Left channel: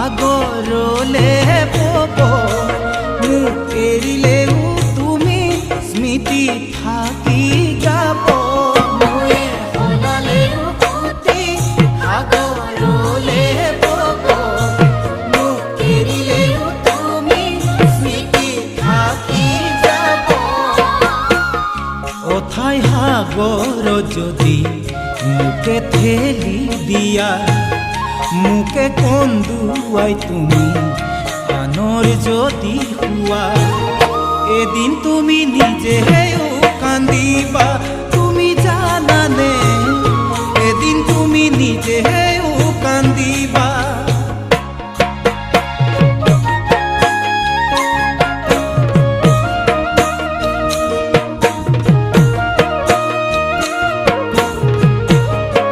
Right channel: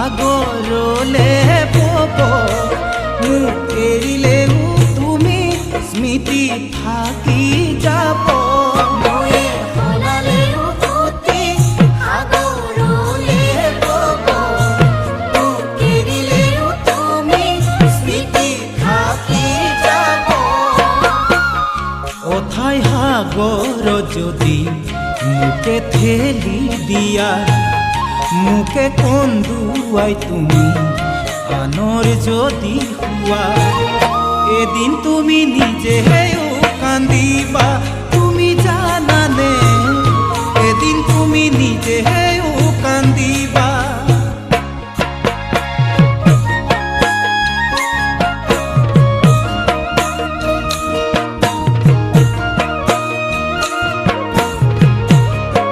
সাগৰলে পব মোক এৰিলেও তুমি স্মৃতি থাকি যাব অথাই সাগৰ যদি মোকে ঠেলি দিয়া মোকে কন্দুৱাই তুমি আনৰ যদি হোৱা এদিন তুমি নিজেও কান্দিবা তুমি জানানে এদিন তুমি নিজেও কান্দিবা